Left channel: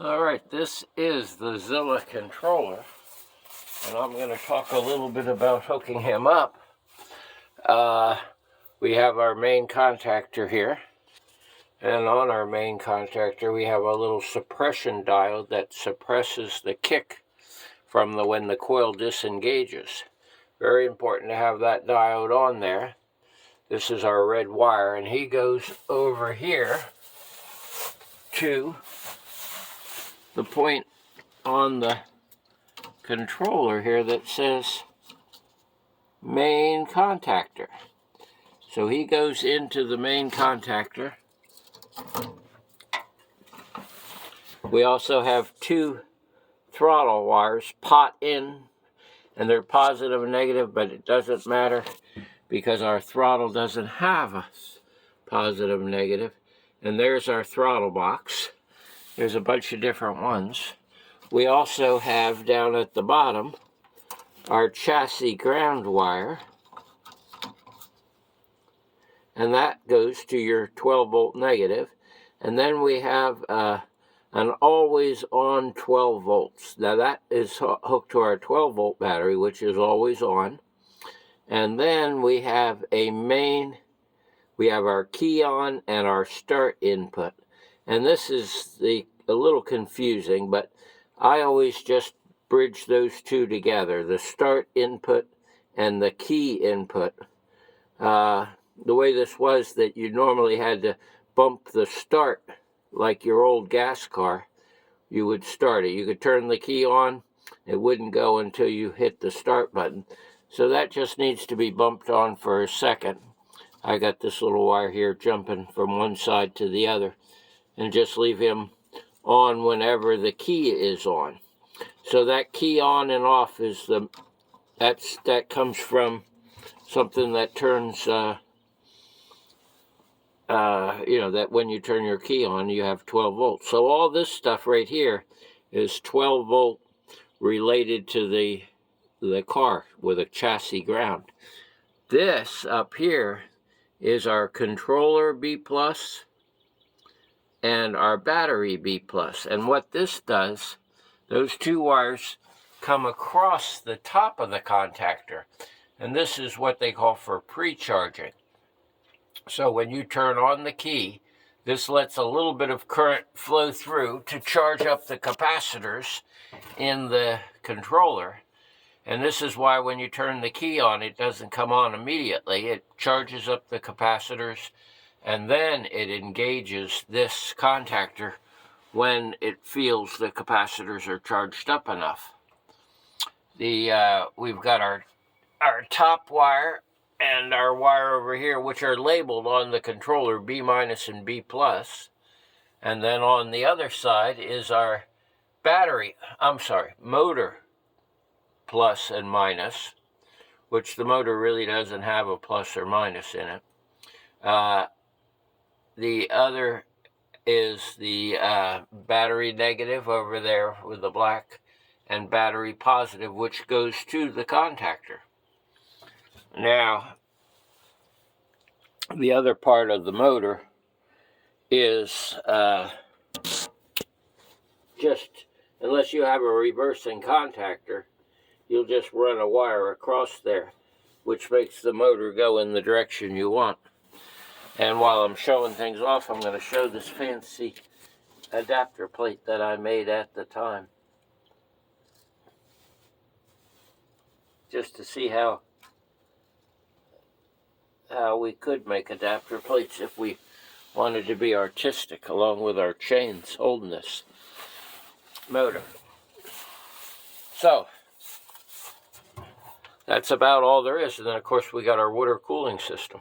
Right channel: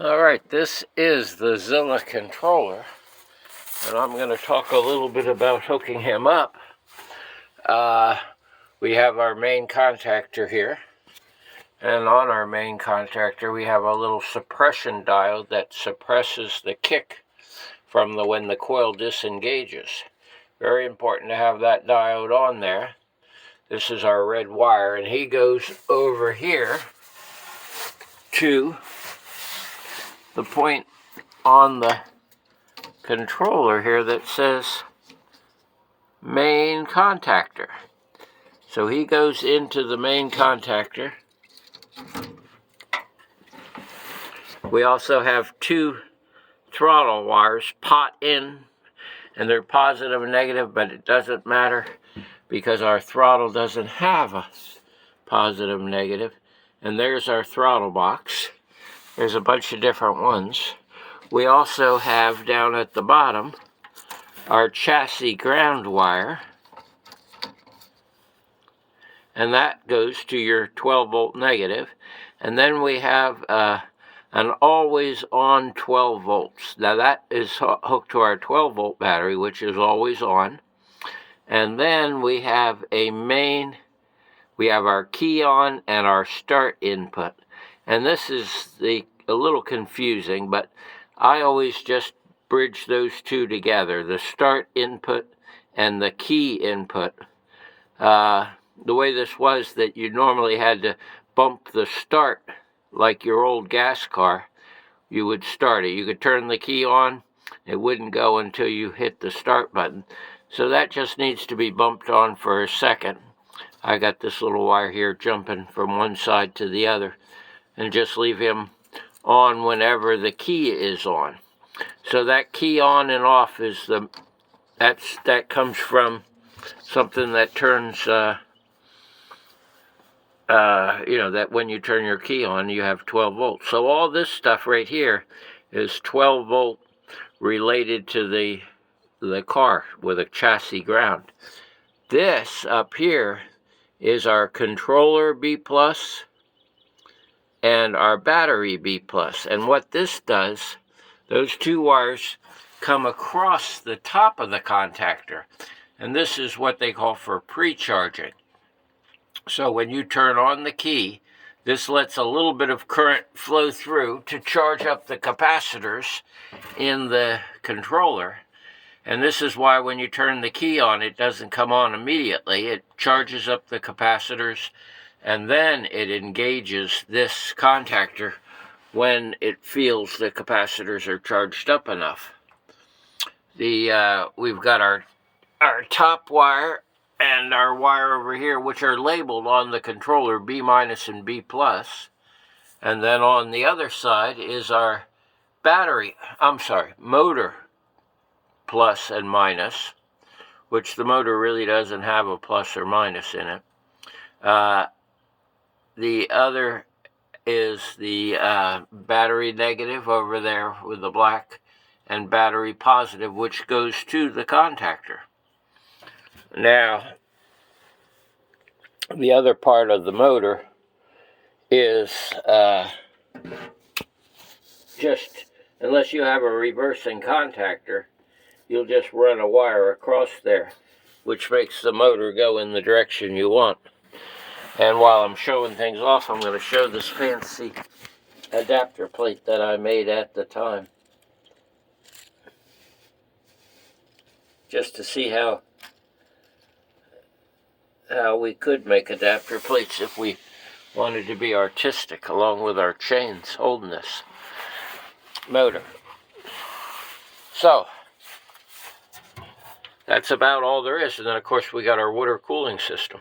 Alright, this is the Zilla controller, and I'm going to talk a little bit about hooking him up. We have our main contactor here, and on our main contactor we have a little suppression diode that suppresses the kick from when the coil disengages. Very important to have that diode on there. This is our red wire, and he goes over here to the point on the controller here that says main contactor. So he goes into the main contactor. We also have two throttle wires, pot in, and they're positive and negative, but it doesn't matter because our throttle doesn't have a positive and negative. And there's our throttle box. There's a bunch of different ones. We also have down at the bottom our chassis ground wire, and that goes to your 12 volt negative. And then we have an always on 12 volts. Now that is hooked to our 12 volt battery, which is always on. And then we have a main, we have our key on and our start input. And this is a little confusing, but I always just bridge those two together, the start input and the key input. The way this was that you normally had to bump the start like your old gas car. You would start it. You could turn the key on. It wouldn't go until you hit the start button. So that just needs to be bumped on for a second. I got this little wire here jumping from one side to the other, and just leave him on whenever the key is on. So that key on and off is that comes from something that turns, that when you turn your key on, you have 12 volts. So all this stuff right here is 12 volt related to the car with a chassis ground. This up here is our controller B+, and our battery B+. And what this does, those two wires come across the top of the contactor. And this is what they call for pre-charging. So when you turn on the key, this lets a little bit of current flow through to charge up the capacitors in the controller. And this is why when you turn the key on, it doesn't come on immediately. It charges up the capacitors, and then it engages this contactor when it feels the capacitors are charged up enough. We've got our top wire and our wire over here, which are labeled on the controller B- and B+. And then on the other side is our motor plus and minus, which the motor really doesn't have a plus or minus in it. The other is the battery negative over there with the black, and battery positive, which goes to the contactor. Now, the other part of the motor is just, unless you have a reversing contactor, you'll just run a wire across there, which makes the motor go in the direction you want. And while I'm showing things off, I'm going to show this fancy adapter plate that I made at the time, just to see how we could make adapter plates if we wanted to be artistic, along with our chains holding this motor. So that's about all there is. And then, of course, we got our water cooling system.